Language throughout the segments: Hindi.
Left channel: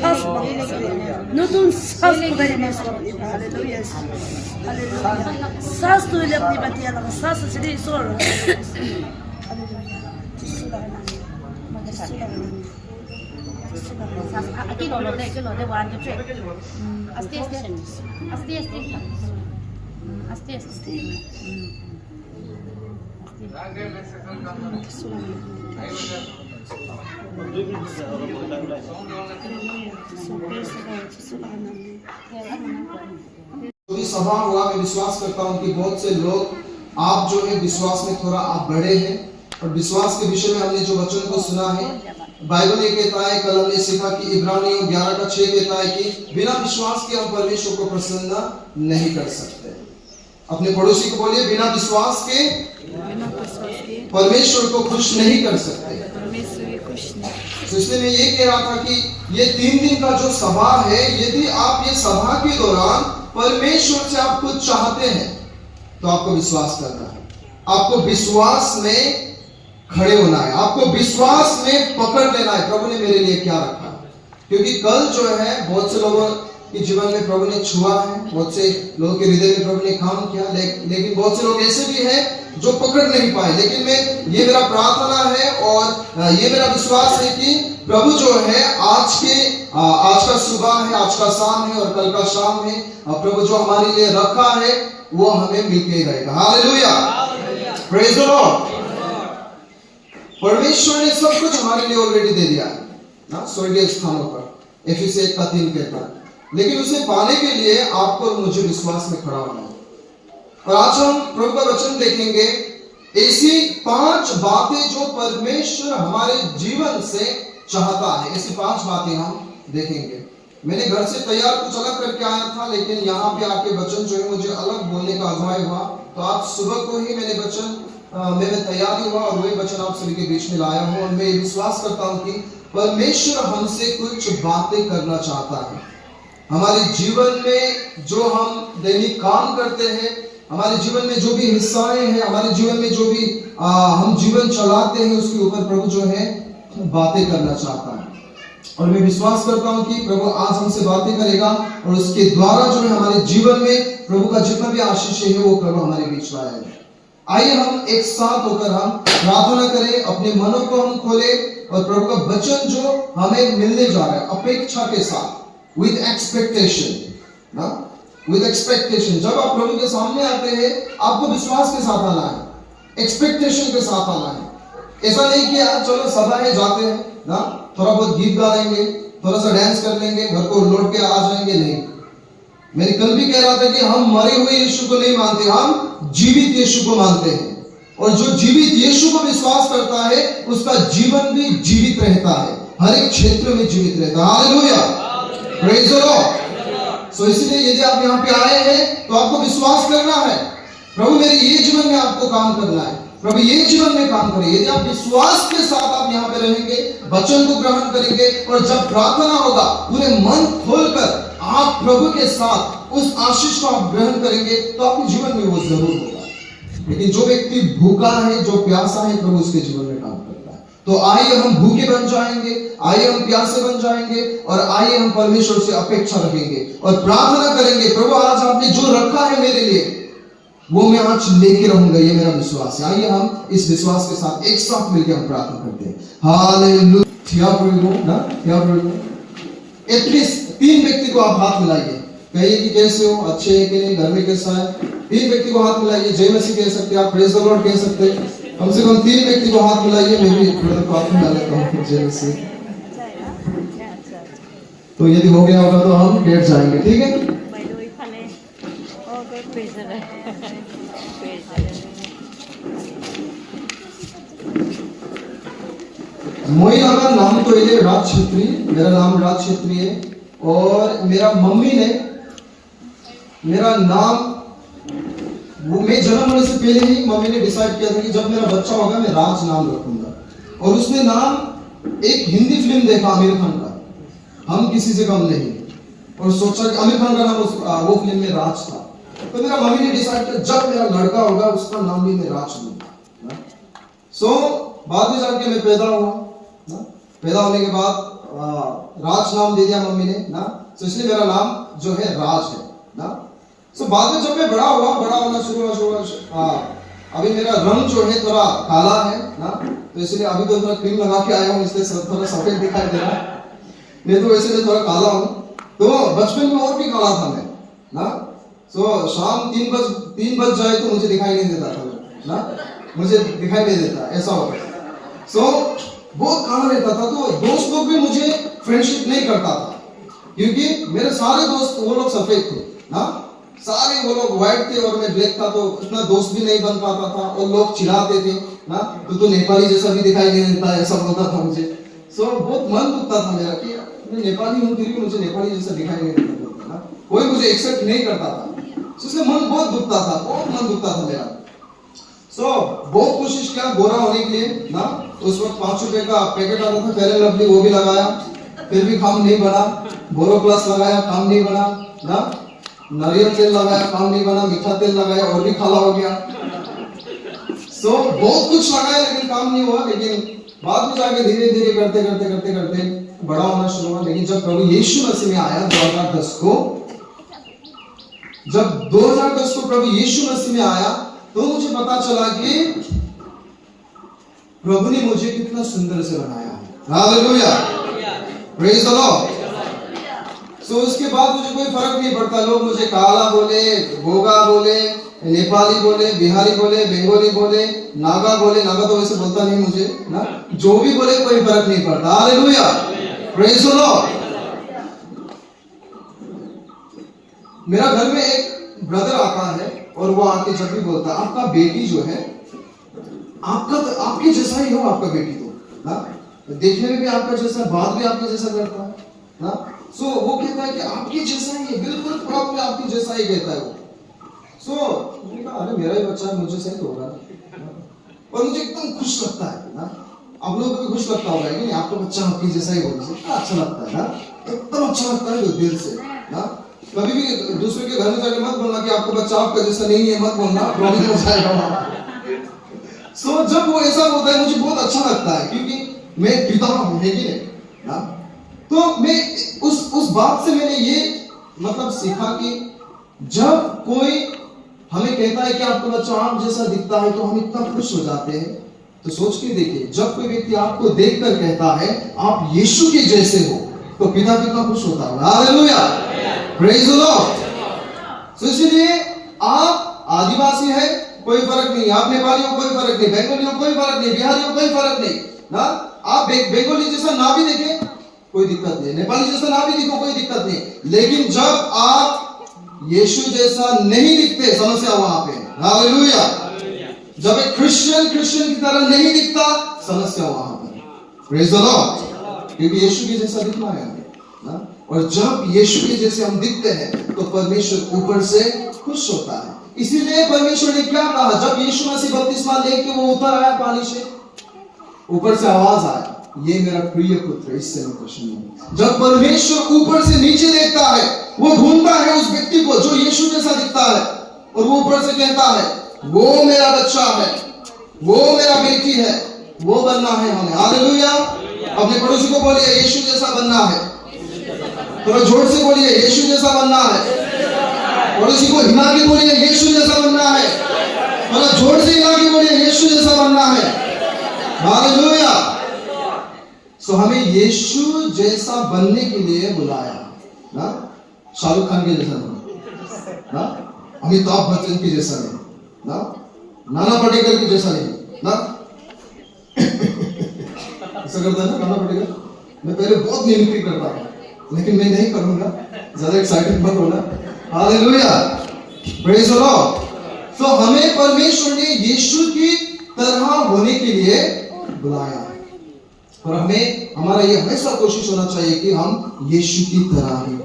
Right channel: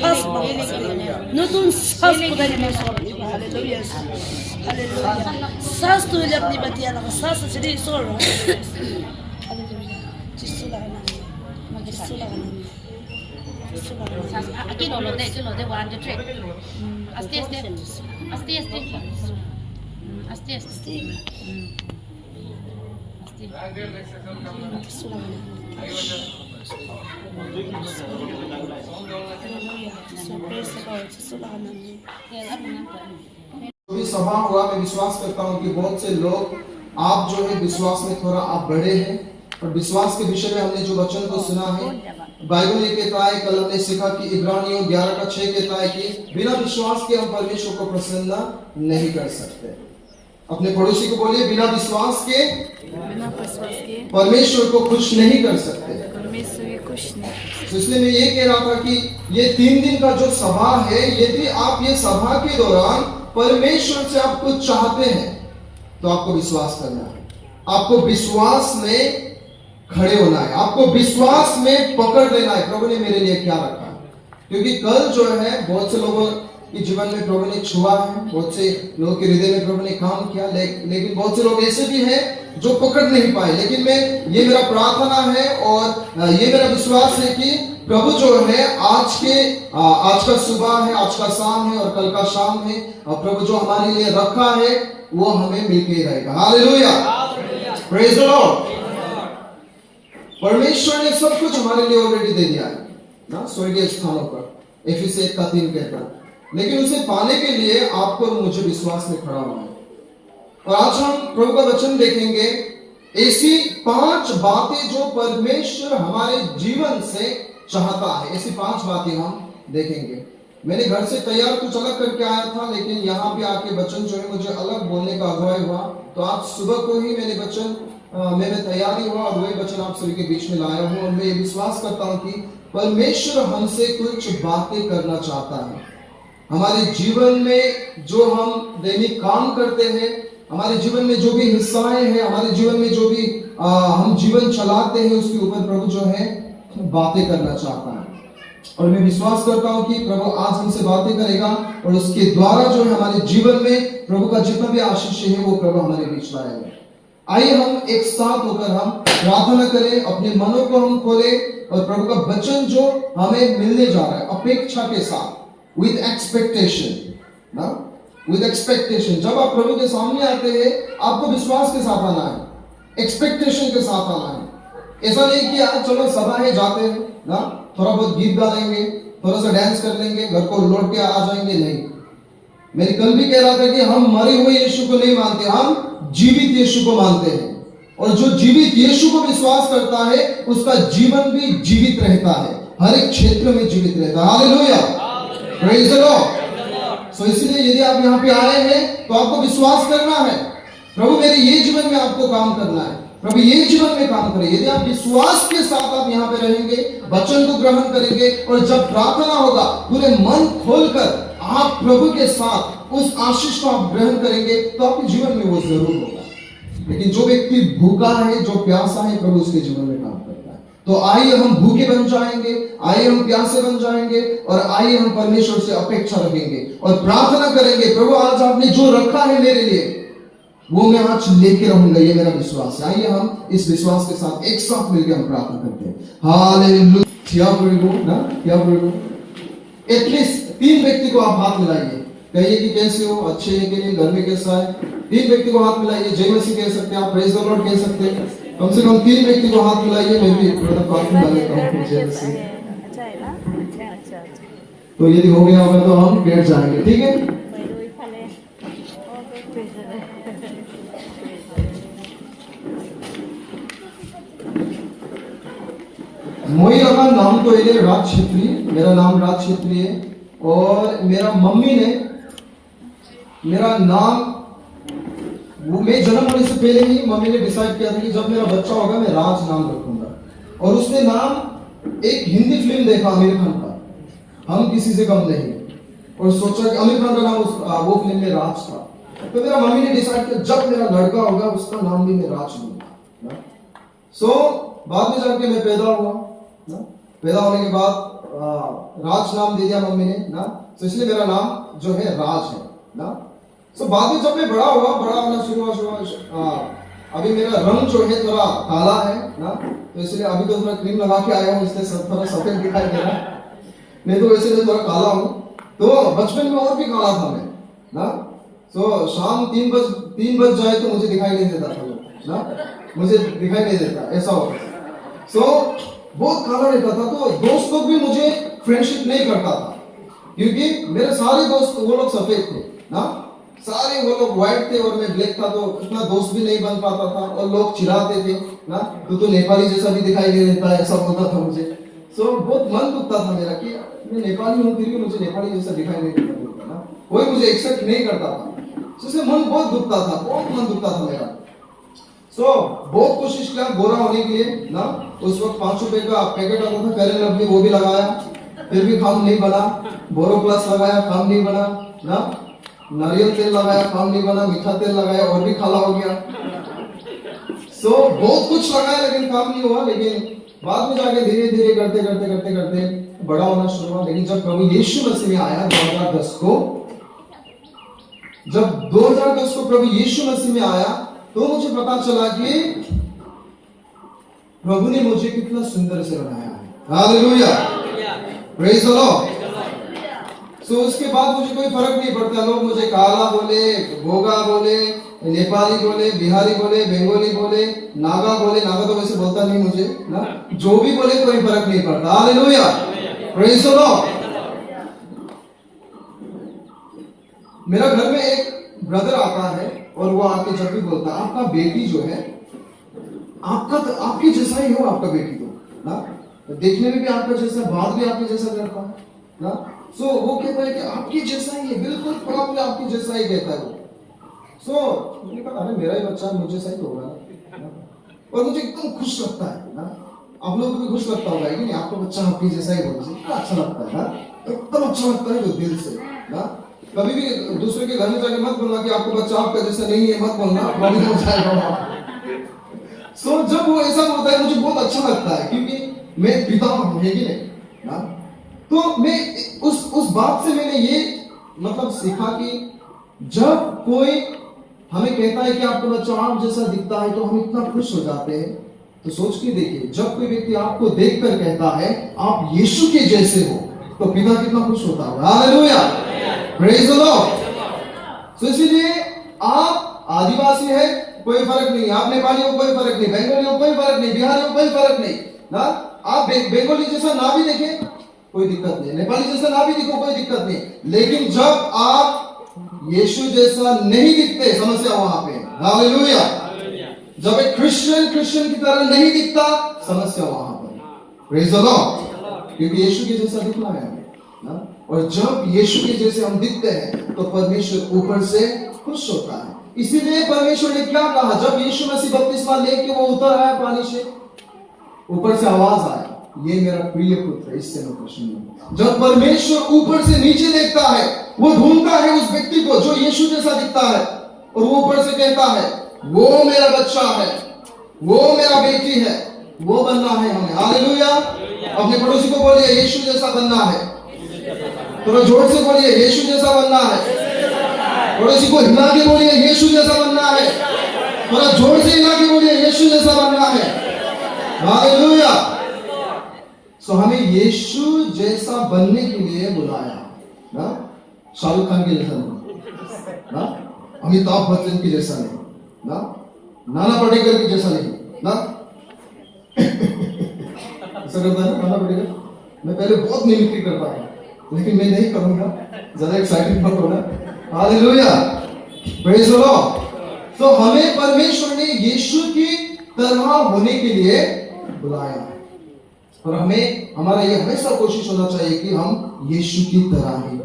শ্বাস নতুন শ্বাস खुदा ने हालेलुया श्वास तो ले अपनी बतिया लगा श्वास चली सोर हालेलुया जिसु लगाना मगर जिसु लगाना Aquí lo de one to three. Asti. भी सभा हुआ, मैं विश्वास करता हूँ कि बहुत से लोग आप जो है विश्वास में थोड़ा आप बढ़े हैं और विश्वास के विषय में हमने जो वचन को सुना है, बाइबल ये कहता है, कल हमने सीखा कि इब्रानियों 11:6 कहता है कि बिना विश्वास के हम परमेश्वर को प्रसन्न नहीं कर सकते। अपने पड़ोसी को बोलिए, बिना विश्वास के परमेश्वर को खुश नहीं कर सकते। इसलिए मैं ये कह रहा था कि ये 3 दिन का जो सभा है, यदि आप ये सभा के दौरान परमेश्वर से आप कुछ चाहते हैं तो आपको विश्वास करना है, आपको विश्वास में खड़े होना है, आपको विश्वास में पकड़ लेना है प्रभु ने मेरे लिए क्या रखा। क्योंकि कल जो है बहुत से लोगों के जीवन में प्रभु ने छुआ है, बहुत से लोगों के हृदय में प्रभु ने काम किया, लेकिन बहुत से लोग ऐसे भी हैं जो पकड़ नहीं पाए। लेकिन ये मेरा प्रार्थना है और ये मेरा विश्वास है कि प्रभु जो है आज का सुबह है, आज का शाम है और कल का शाम है, और प्रभु जो हमारे लिए रखा है वो हमें मिलते ही रहेगा। Hallelujah, praise the Lord. परमेश्वर ने सब कुछ हमारे लिए ऑलरेडी दे दिया है ना, स्वर्गीय स्थानों पर, एफिसी 1:3 कहता है। लेकिन उसे पाने के लिए आपको और मुझे विश्वास में खड़ा होना है। और आज हम प्रभु का वचन देखेंगे, ऐसी 5 बातें जो परमेश्वर हमारे जीवन से चाहता है, ऐसी 5 बातें हम देखेंगे। मैंने घर से तैयार कुछ अलग करके आया था, लेकिन यहाँ पे आके वचन जो है मुझे अलग बोलने का अगुवाई हुआ। तो आज सुबह को ही मैंने वचन मैंने तैयारी हुआ और वही वचन आप सभी के बीच में लाया हूँ। और मैं ये विश्वास करता हूँ कि परमेश्वर हमसे कुछ बातें करना चाहता है। हमारे जीवन में जो हम दैनिक काम करते हैं, हमारे जीवन में जो भी हिस्साएं हैं, हमारे जीवन में जो भी हम जीवन चलाते हैं, उसके ऊपर प्रभु जो है बातें करना चाहता है। और मैं विश्वास करता हूँ कि प्रभु आज हमसे बातें करेगा और उसके द्वारा जो है हमारे जीवन में प्रभु का जितना भी आशीष है वो प्रभु हमारे बीच लाएगा। आइए हम एक साथ होकर हम प्रार्थना करें, अपने मनों को हम खोलें और प्रभु का वचन जो हमें मिलने जा रहा है अपेक्षा के साथ, विद एक्सपेक्टेशन ना, विद एक्सपेक्टेशन। जब आप प्रभु के सामने आते हैं आपको विश्वास के साथ आना है, एक्सपेक्टेशन के साथ आना है। ऐसा नहीं कि आज चलो सभा है जाते हैं ना, थोड़ा बहुत गीत गा लेंगे, थोड़ा सा डांस कर लेंगे, घर को लौट के आ जाएंगे। नहीं, मैंने कल भी कह रहा था कि हम मरे हुए यीशु को नहीं मानते, हम जीवित यीशु को मानते हैं। और जो जीवित यीशु को विश्वास करता है उसका जीवन भी जीवित रहता है, हर एक क्षेत्र में जीवित रहता है। Hallelujah, praise the lord. So इसलिए यदि आप यहाँ पे आए हैं तो आपको विश्वास करना है, प्रभु मेरे ये जीवन में आपको काम करना है, प्रभु ये जीवन में काम करें। यदि आप विश्वास के साथ आप यहाँ पे रहेंगे, वचन को ग्रहण करेंगे और जब प्रार्थना होगा पूरे मन खोलकर आप प्रभु के साथ उस आशीष को आप ग्रहण करेंगे तो आपके जीवन में वो जरूर होगा। लेकिन जो व्यक्ति भूखा है, जो प्यासा है, प्रभु उसके जीवन में काम करता है। तो आइए हम भूखे बन जाएंगे, आइए हम प्यासे बन जाएंगे और आइए हम परमेश्वर से अपेक्षा रखेंगे और प्रार्थना करेंगे, प्रभु आज आपने जो रखा है मेरे लिए वो मैं आज लेके रहूंगा, ये मेरा विश्वास है। आइए हम इस विश्वास के साथ एक साथ मिलकर हम प्रार्थना करते हैं। हालेलुया ना, एटलीस्ट 3 व्यक्ति को आप हाथ मिलाइए, कहिए कि कैसे हो, अच्छे हैं कि नहीं, घर में कैसा है। 3 व्यक्ति को हाथ मिलाइए, जय मसीह कह सकते हैं आप, प्रेज द लॉर्ड कह सकते हैं। कम से कम 3 व्यक्ति को हाथ मिलाइए। मैं भी हाथ मिला लेता हूँ, जय मसीह। तो यदि हो गया होगा तो हम बैठ जाएंगे, ठीक है। मोई अगर नाम तो ये राज छेत्री, मेरा नाम राज छेत्री है। और मेरा मम्मी ने मेरा नाम, वो मैं जन्म होने से पहले ही मम्मी ने डिसाइड किया था कि जब मेरा बच्चा होगा मैं राज नाम रखूंगा। और उसने नाम एक हिंदी फिल्म देखा आमिर खान का, हम किसी से कम नहीं, और सोचा कि आमिर खान का नाम वो फिल्म में राज था। तो मेरा मम्मी ने डिसाइड किया जब मेरा लड़का होगा उसका नाम भी मैं राज लूंगा। सो बाद में जाके मैं पैदा हुआ ना, पैदा होने के बाद राज नाम दे दिया मम्मी ने ना, तो इसलिए मेरा नाम जो है राज है ना। सो बाद में जब मैं बड़ा होना शुरू हुआ, अभी मेरा रंग जो है थोड़ा काला है ना, तो इसलिए अभी तो थोड़ा क्रीम लगा के आया हूँ, इसलिए थोड़ा सफेद दिखाई दे रहा है, नहीं तो वैसे मैं थोड़ा काला हूँ। तो बचपन में और भी काला था मैं ना। सो शाम 3 बज जाए तो मुझे दिखाई नहीं देता था ना, मुझे दिखाई नहीं देता, ऐसा होता। सो बहुत काला रहता था, तो दोस्त लोग भी मुझे फ्रेंडशिप नहीं करता था, क्योंकि मेरे सारे दोस्त वो लोग सफेद थे ना, सारे वो लोग व्हाइट थे और मैं ब्लैक था, तो इतना दोस्त भी नहीं बन पाता था। और लोग चिढ़ाते थे ना, तो नेपाली जैसा भी दिखाई नहीं देता, ऐसा बोलता था मुझे। सो बहुत मन दुखता था मेरा कि मैं नेपाली हूँ, फिर भी मुझे नेपाली जैसा दिखाई नहीं देता ना, कोई मुझे एक्सेप्ट नहीं करता था। उससे मन बहुत दुखता था, बहुत मन दुखता था मेरा। सो बहुत कोशिश किया गोरा होने के लिए ना। उस वक्त 5 रुपए का पैकेट आता था फेयर एंड लवली, वो भी लगाया, फिर भी काम नहीं बना। बोरो प्लस लगाया, काम नहीं बना ना। नारियल तेल लगाया, काम नहीं बना। मीठा तेल लगाया, और भी काला हो गया। सो बहुत कुछ लगाया लेकिन काम नहीं हुआ। लेकिन बाद में जाके धीरे धीरे करते बड़ा होना शुरू हुआ। लेकिन जब प्रभु यीशु मसीह में आया 2010 को, जब 2010 को प्रभु यीशु मसीह में आया, तो मुझे पता चला कि प्रभु ने मुझे कितना सुंदर से बनाया है। Hallelujah, praise the lord. So उसके बाद मुझे कोई फर्क नहीं पड़ता, लोग मुझे काला बोले, गोगा बोले, नेपाली बोले, बिहारी बोले, बंगाली बोले, नागा बोले, नागा तो वैसे बोलता नहीं मुझे ना, जो भी बोले कोई फर्क नहीं पड़ता। Hallelujah, praise the Lord. मेरा घर में एक ब्रदर आता है और वो आके जब भी बोलता है, आपका बेटी जो है, आपके जैसा ही हो आपका बेटी, तो ना देखने में भी आपका जैसा, बात भी आपके जैसा करता है ना। सो वो कहता है कि आपके जैसा ही है, बिल्कुल प्रॉपर आपके जैसा ही कहता है वो। सो मैंने कहा अरे मेरा ही बच्चा है, मुझे सही तो होगा ना। और मुझे एकदम खुश लगता है ना। आप लोगों को भी खुश लगता होगा कि नहीं, आपका बच्चा आपकी जैसा ही बोलने से कितना अच्छा लगता है ना, एकदम अच्छा लगता है दिल से ना। कभी भी दूसरे के घर में जाके मत बोलना कि आपका बच्चा आपका जैसा नहीं है, मत बोलना, प्रॉब्लम हो जाएगा। सो जब वो ऐसा होता है मुझे बहुत अच्छा लगता है, क्योंकि मैं पिता हूं, है कि नहीं ना। तो मैं उस बात से मैंने ये मतलब सीखा कि जब कोई हमें कहता है कि आपका बच्चा आप जैसा दिखता है, तो हम इतना खुश हो जाते हैं। तो सोच के देखिए, जब कोई व्यक्ति आपको देखकर कहता है आप यीशु के जैसे हो, तो पिता कितना खुश होता है। Hallelujah, praise the Lord. इसीलिए आप आदिवासी है कोई फर्क नहीं, आप नेपाली हो कोई फर्क नहीं, बंगाली हो कोई फर्क नहीं, बिहारी हो कोई फर्क नहीं ना। आप बंगाली जैसा ना भी देखे कोई दिक्कत नहीं, नेपाली जैसा ना भी दिखो कोई दिक्कत नहीं। लेकिन जब आप यीशु जैसा नहीं दिखते, समस्या वहां पे। हालेलुया। जब एक क्रिश्चियन की तरह नहीं दिखता, समस्या वहां पर। Praise the Lord. क्योंकि यीशु के जैसा दिखना है ना। और जब यीशु के जैसे हम दिखते हैं, तो परमेश्वर ऊपर से खुश होता है। इसीलिए परमेश्वर ने क्या कहा, जब यीशु मसीह बपतिस्मा लेके वो उतर आया पानी से, ऊपर से आवाज आया, ये मेरा प्रिय पुत्र, इससे मैं प्रसन्न हूं। जब परमेश्वर ऊपर से नीचे देखता है, वो ढूंढता है उस व्यक्ति को जो यीशु जैसा दिखता है, और वो ऊपर से कहता है वो मेरा बच्चा है, वो मेरा बेटी है, वो बनना है हमें। हालेलुया। अपने पड़ोसी को बोलिए यीशु जैसा बनना है। थोड़ा जोर से बोलिए यीशु जैसा बनना है। पड़ोसी को हिला के बोलिए यीशु जैसा बनना है। थोड़ा जोर से हिला के बोलिए यीशु जैसा बनना है। हालेलुया। सो हमें यीशु जैसा बनने के लिए बुलाया ना। शाहरुख खान के जैसा नहीं ना, अमिताभ बच्चन के जैसा नहीं ना, नाना पाटेकर के जैसा नहीं ना। ऐसा करता है नाना पाटेकर। मैं पहले बहुत मिमिक्री करता था, लेकिन मैं नहीं करूंगा, ज्यादा एक्साइटेड मत होना। Hallelujah, praise the lord. So हमें परमेश्वर ने यीशु की तरह होने के लिए बुलाया, और हमें हमारा ये हमेशा कोशिश होना चाहिए कि हम यीशु की तरह ही,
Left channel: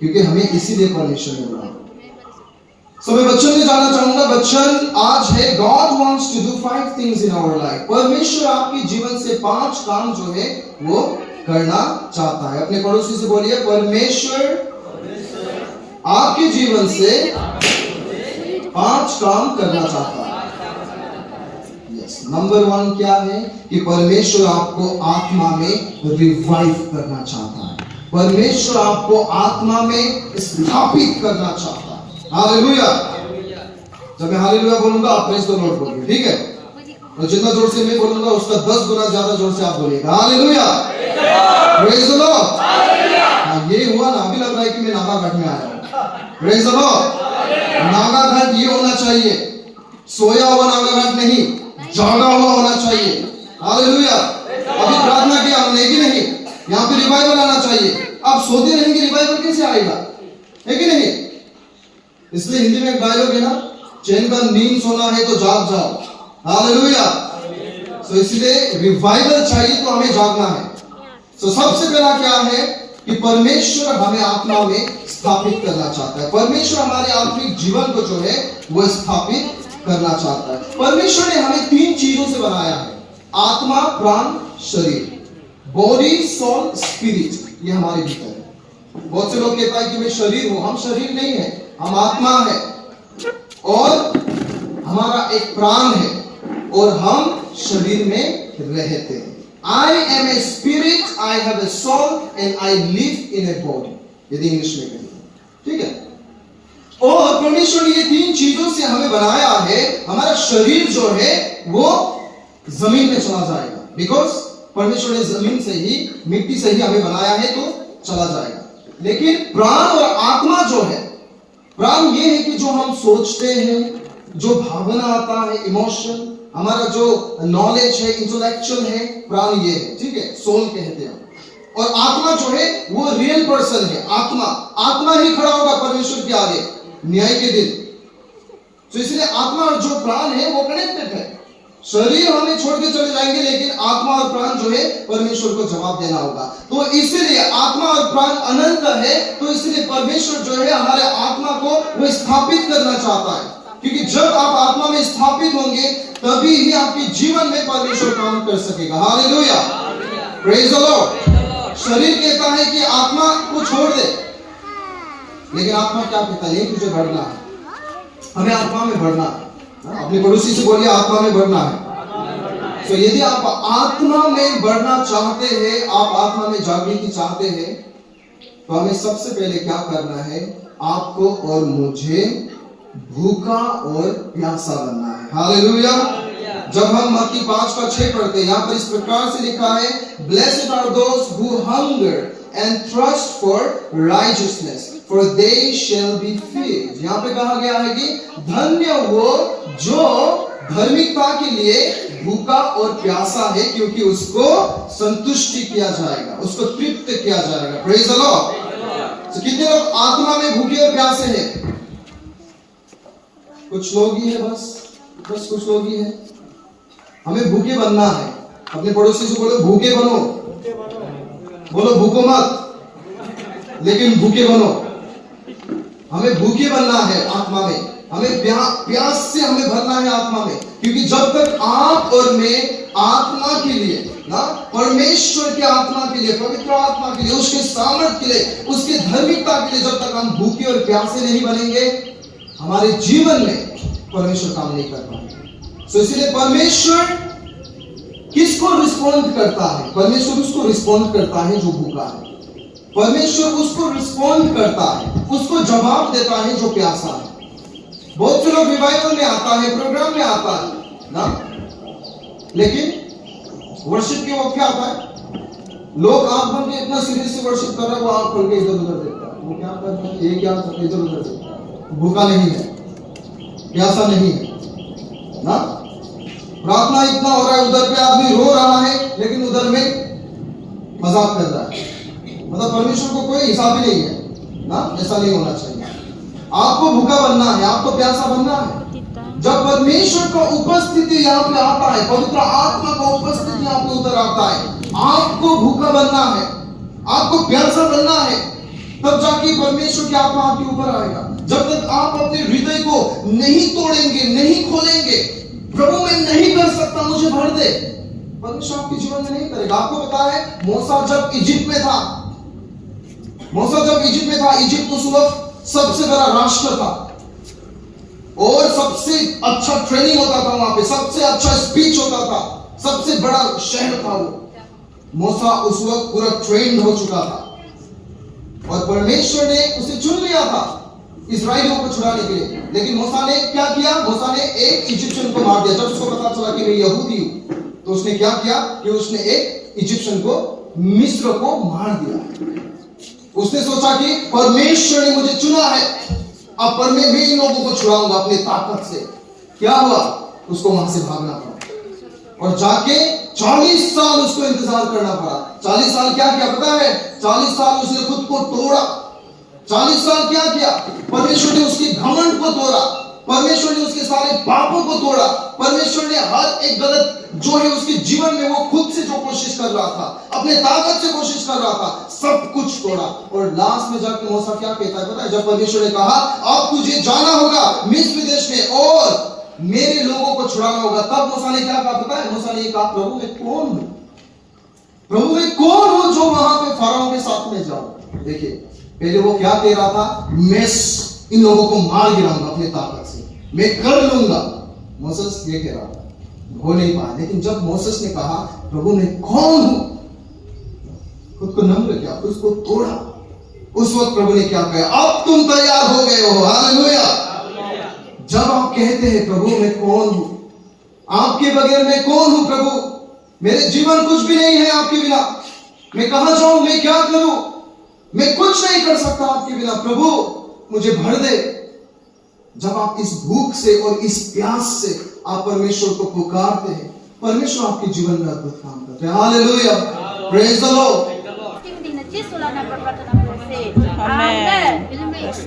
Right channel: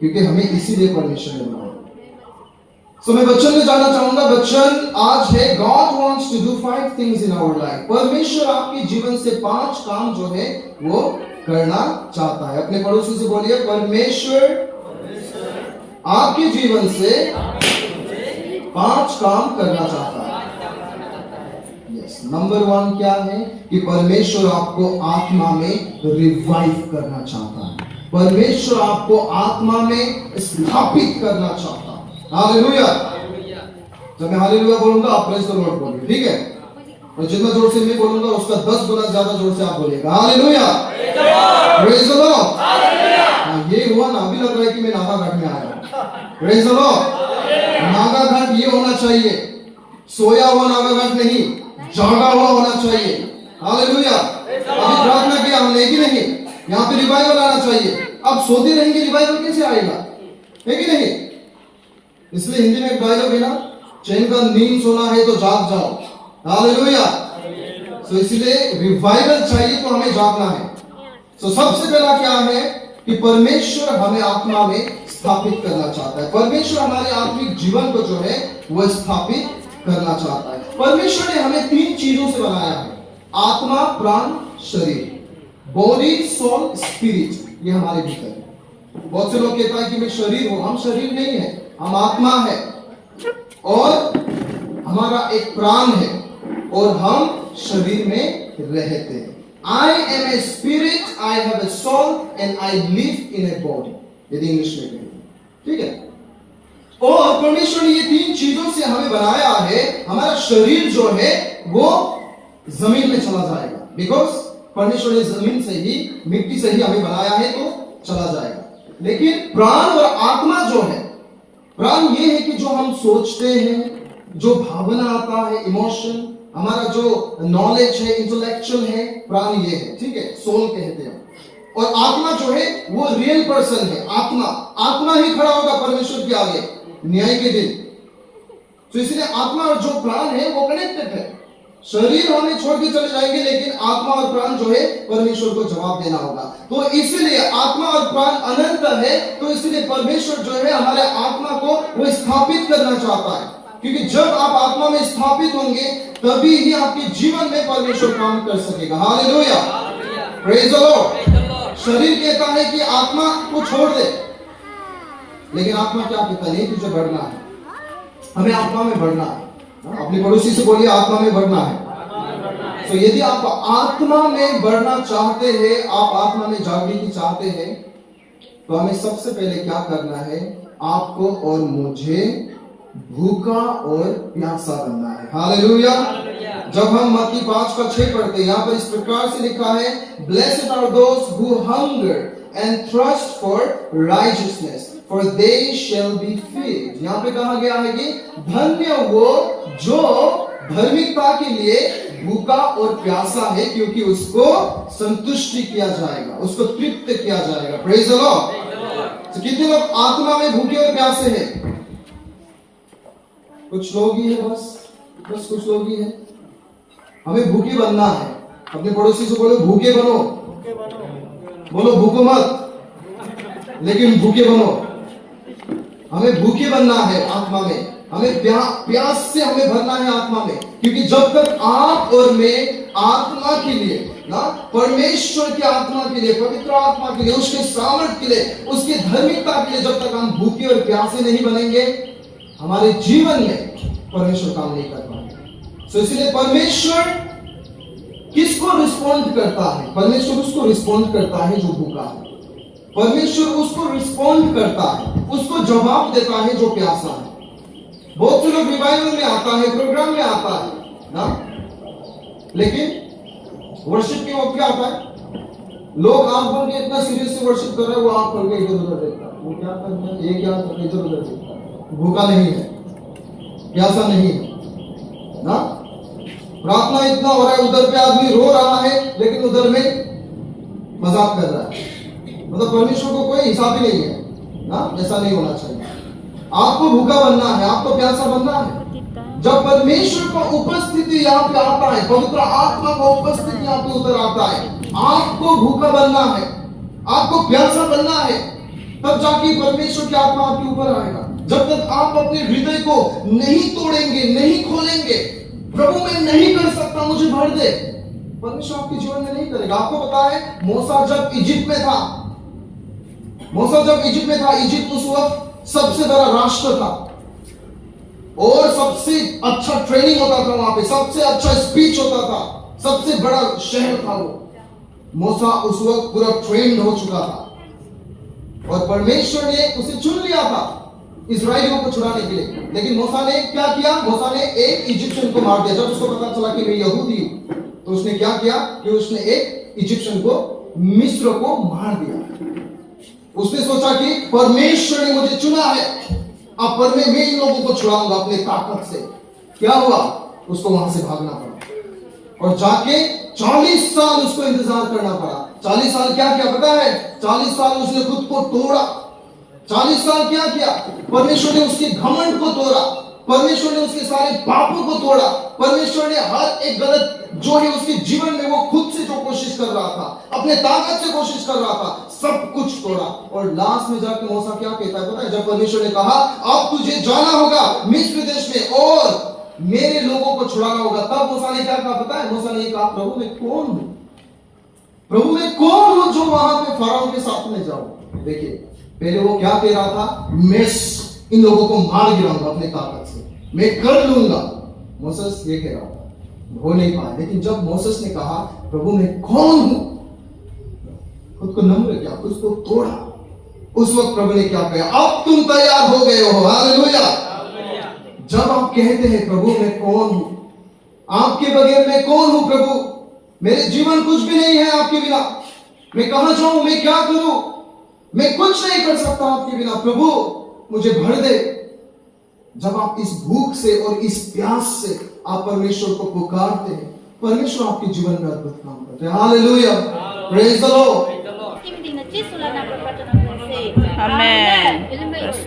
क्योंकि हमें इसीलिए परमेश्वर ने बुलाया। सो मैं वचन में जाना चाहूंगा। वचन आज है God wants to do 5 things in our life। परमेश्वर आपके जीवन से 5 काम जो है वो करना चाहता है। अपने पड़ोसी से बोलिए परमेश्वर आपके जीवन से 5 काम करना चाहता है। यस, नंबर 1 क्या है कि परमेश्वर आपको आत्मा में रिवाइव करना चाहता है, परमेश्वर आपको आत्मा में स्थापित करना चाहता है। हालेलुया। जब मैं हालेलुया बोलूंगा आप प्रेज द लॉर्ड बोलिए, ठीक है? और जितना जोर से मैं बोलूंगा उसका 10 गुना ज्यादा जोर से आप बोलिएगा। Hallelujah, praise the Lord. ये हुआ ना, अभी लग रहा है कि मैं नागा घाट में आया हूं। Praise the lord. Naga Ghat ये होना चाहिए, सोया हुआ नागा घाट नहीं, जागा हुआ होना चाहिए। हालेलुया। अभी प्रार्थना किया हमने कि नहीं, यहाँ पे रिवाइवल आना चाहिए। आप सोते रहेंगे रिवाइवल कैसे आएगा, है कि नहीं? इसलिए हिंदी में एक डायलॉग है ना, चैन का नींद सोना है तो जाग जाओ। हालेलुया। तो इसलिए रिवाइवल चाहिए तो हमें जागना है। तो सबसे पहला क्या है कि परमेश्वर हमें आत्मा में स्थापित करना चाहता है। परमेश्वर हमारे आत्मिक जीवन को जो है वो स्थापित करना चाहता है। परमेश्वर ने हमें 3 चीजों से बनाया है, आत्मा, प्राण, शरीर। बॉडी, सोल, स्पिरिट, ये हमारे भीतर है। बहुत से लोग कहता है कि मैं शरीर हूं, हम शरीर नहीं है, हम आत्मा है, और हमारा एक प्राण है, और हम शरीर में रहते हैं। I am a spirit, I have a soul and I live in a body, यदि इंग्लिश में कहें, ठीक है? और परमेश्वर ने ये 3 चीजों से हमें बनाया है। हमारा शरीर जो है वो जमीन में चला जाएगा, बिकॉज परमेश्वर ने जमीन से ही, मिट्टी से ही हमें बनाया है, तो चला जाएगा। लेकिन प्राण और आत्मा जो है, प्राण ये है कि जो हम सोचते हैं, जो भावना आता है, इमोशन, हमारा जो नॉलेज है, इंटेलेक्चुअल है, प्राण ये है, ठीक है? सोल कहते हैं। और आत्मा जो है वो रियल पर्सन है। आत्मा ही खड़ा होगा परमेश्वर के आगे न्याय के दिन। तो इसलिए आत्मा और जो प्राण है वो कनेक्टेड है। शरीर हमें छोड़ के चले जाएंगे, लेकिन आत्मा और प्राण जो है परमेश्वर को जवाब देना होगा। तो इसलिए आत्मा और प्राण अनंत है, तो इसलिए परमेश्वर जो है हमारे आत्मा को वो स्थापित करना चाहता है, क्योंकि जब आप आत्मा में स्थापित होंगे तभी ही आपके जीवन में परमेश्वर काम कर सकेगा। Hallelujah, praise the Lord. शरीर कहता है कि आत्मा को छोड़ दे, लेकिन आत्मा क्या कहता है? नहीं, तुझे बढ़ना है, हमें आत्मा में बढ़ना है। अपने पड़ोसी से बोलिए आत्मा में बढ़ना है। तो यदि आप आत्मा में बढ़ना चाहते हैं, आप आत्मा में जागृति चाहते हैं, तो हमें सबसे पहले क्या करना है? आपको और मुझे भूखा और प्यासा बनना है। हालेलुया। जब हम मत्ती 5:6 पढ़ते हैं, यहाँ पर इस प्रकार से लिखा है, blessed are those who hunger and thirst for righteousness for they shall be feed. यहाँ पे कहा गया है कि धन्य वो जो धार्मिकता के लिए भूखा और प्यासा है, क्योंकि उसको संतुष्टि किया जाएगा, उसको तृप्त किया जाएगा। Praise the Lord. तो कितने लोग आत्मा में भूखे और प्यासे हैं? कुछ लोग ही है, बस कुछ लोग ही है। हमें भूखे बनना है। अपने पड़ोसी से बोलो भूखे बनो, बोलो भूखो मत, लेकिन भूखे बनो। हमें भूखे बनना है आत्मा में, हमें प्यास से हमें भरना है आत्मा में, क्योंकि जब तक आप और मैं आत्मा के लिए ना, परमेश्वर की आत्मा के लिए, पवित्र आत्मा के लिए, उसके सामर्थ के लिए, उसके धार्मिकता के लिए, जब तक हम भूखे और प्यासे नहीं बनेंगे, हमारे जीवन में परमेश्वर काम नहीं कर पाएगा। तो इसलिए परमेश्वर किसको रिस्पॉन्ड करता है? परमेश्वर उसको रिस्पॉन्ड करता है जो भूखा है। परमेश्वर उसको रिस्पॉन्ड करता है, उसको जवाब देता है जो प्यासा है। बहुत से लोग रिवाइवल में आता है, प्रोग्राम में आता है ना, लेकिन वर्शिप के वक्त क्या आता है? लोग आंख बंद के इतना सीरियस से वर्शिप कर रहा है, वो आंख खोल के इधर उधर देखता है। वो क्या कर रहा है? ये क्या कर रहा है? इधर उधर देखता है। भूखा नहीं है, प्यासा नहीं है ना। प्रार्थना इतना हो रहा है, उधर पे आदमी रो रहा है, लेकिन उधर में मजाक कर रहा है। मतलब परमेश्वर को कोई हिसाब ही नहीं है ना। ऐसा नहीं होना चाहिए। आपको भूखा बनना है, आपको प्यासा बनना है। जब परमेश्वर का उपस्थिति यहाँ पे आता है, पवित्र आत्मा का उपस्थिति यहाँ पे उतर आता है, आपको भूखा बनना है, आपको प्यासा बनना है, तब जाके परमेश्वर की आत्मा आपके ऊपर आएगा। जब तक आप अपने हृदय को नहीं तोड़ेंगे, नहीं खोलेंगे, प्रभु मैं नहीं कर सकता, मुझे भर दे, परमेश्वर आपके जीवन में नहीं करेगा। आपको पता है मूसा जब इजिप्ट में था, इजिप्ट उस वक्त सबसे बड़ा राष्ट्र था। और सबसे अच्छा ट्रेनिंग होता था वहां पे, सबसे अच्छा स्पीच होता था, सबसे बड़ा शहर था वो। मूसा उस वक्त पूरा ट्रेंड हो चुका था और परमेश्वर ने उसे चुन लिया था इस्राएलियों को छुड़ाने के लिए। लेकिन मूसा ने क्या किया? मूसा ने एक इजिप्शियन को मार दिया। जब उसको पता चला कि मैं यहूदी हूं, तो उसने क्या किया कि उसने एक इजिप्शियन को, मिस्र को मार दिया। उसने सोचा कि परमेश्वर ने मुझे चुना है, अब पर मैं इन लोगों को छुड़ाऊंगा अपनी ताकत से। क्या हुआ? उसको वहां से भागना पड़ा और जाके 40 साल उसको इंतजार करना पड़ा। 40 साल क्या किया पता है? 40 साल उसने खुद को तोड़ा। 40 साल क्या किया? परमेश्वर ने उसके घमंड को तोड़ा, परमेश्वर ने उसके सारे पापों को तोड़ा, परमेश्वर ने हर एक गलत जो है उसके जीवन में वो खुद से जो कोशिश कर रहा था, अपने ताकत से कोशिश कर रहा था, सब कुछ तोड़ा। और लास्ट में जाके मूसा क्या कहता है पता है? जब परमेश्वर ने कहा अब तुझे जाना होगा मिस्र देश में और मेरे लोगों को छुड़ाना होगा, तब मूसा ने क्या कहा पता है? मूसा ने कहा प्रभु मैं कौन हूं? प्रभु मैं कौन हूं जो वहां पे फराओ के साथ में जाऊं? देखिए पहले वो क्या कह रहा था? मैं इन लोगों को मार गिराऊंगा अपनी ताकत से, मैं कर लूंगा। मोसेस ये कह रहा था, हो नहीं पाया। लेकिन जब मोसेस ने कहा प्रभु मैं कौन हूं, खुद को नम्र किया, उसको तोड़ा, उस वक्त प्रभु ने क्या कहा? अब तुम तैयार हो गए हो। हालेलुया। जब आप कहते हैं प्रभु मैं कौन हूं, आपके बगैर मैं कौन हूं प्रभु, मेरे जीवन कुछ भी नहीं है आपके बिना, मैं कहां जाऊं, मैं क्या करूं, मैं कुछ नहीं कर सकता आपके बिना, प्रभु मुझे भर दे। जब आप इस भूख से और इस प्यास से आप परमेश्वर को पुकारते हैं, परमेश्वर आपके जीवन में अद्भुत काम करते हैं। Hallelujah, praise the Lord. Amen.